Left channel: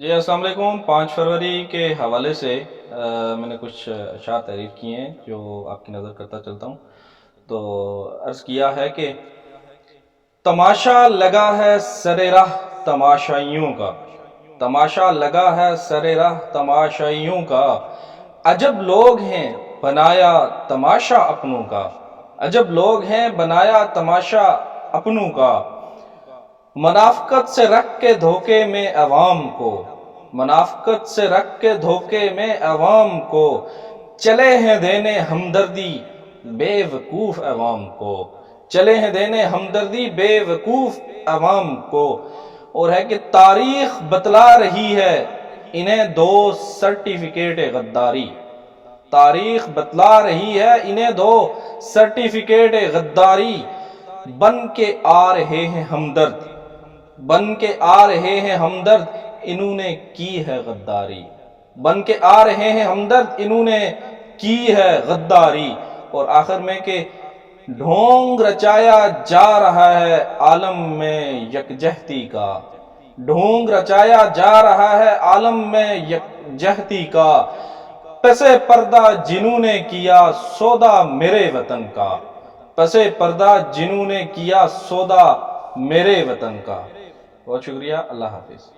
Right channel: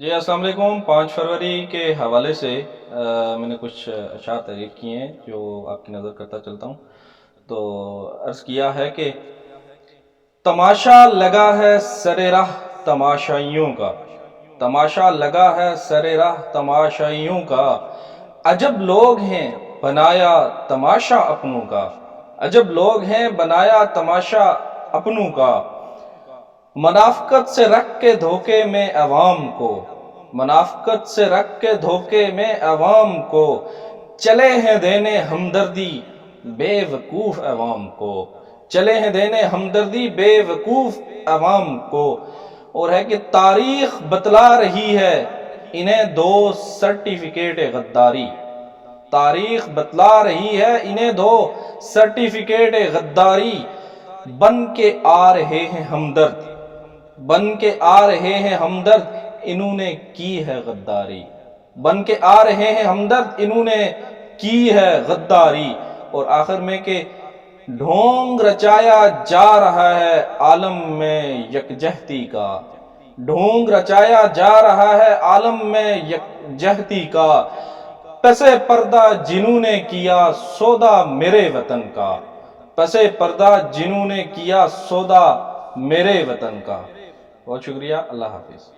جی السلام علیکم۔ 5 فروری کے حوالے سے میں نے کچھ اشعار تحریر کیے ہیں جو آپ کی نظر کرتا چلتا ہوں۔ تو عرض کیا ہے کہ تماشا لگا ہے سر راہ تماشائیوں کا، تماشا لگا ہے سر راہ تماشائیوں کا، عجب لوگ ہیں بنایا تماشا اپنوں کا، عجب لوگ ہیں بنایا تماشا اپنوں کا، منافقت سے رکھ کے دھوکے میں عوام کو، منافقت سے رکھ کے دھوکے میں عوام کو، چلے ہیں دینے ہمدردی بے وقوف عوام کو، چلے ہیں دینے ہمدردی بے وقوف عوام کو۔ اور ہے کہ تاریخ بتلا رہی ہے انہیں دو سرٹیفکیٹ غداری، تاریخ بتلا رہی ہے انہیں دو سرٹیفکیٹ غداری، بن کے آ رہے ہیں ہمدرد، بن کے آ رہے ہیں ہمدرد انہوں نے کی ہے غداری، بن کے آ رہے ہیں ہمدرد انہوں نے کی ہے غداری۔ اور آخر میں کہ ڈھونگ رچایا جا رہا ہے عالم میں یکجہتی کا، ڈھونگ رچایا جا رہا ہے عالم میں یکجہتی کا، پس پردہ جنہوں نے کیا سودا میرے وطن کا، پس پردہ جنہوں نے کیا سودا میرے وطن کا۔ بہت شکریہ، اللہ حافظ۔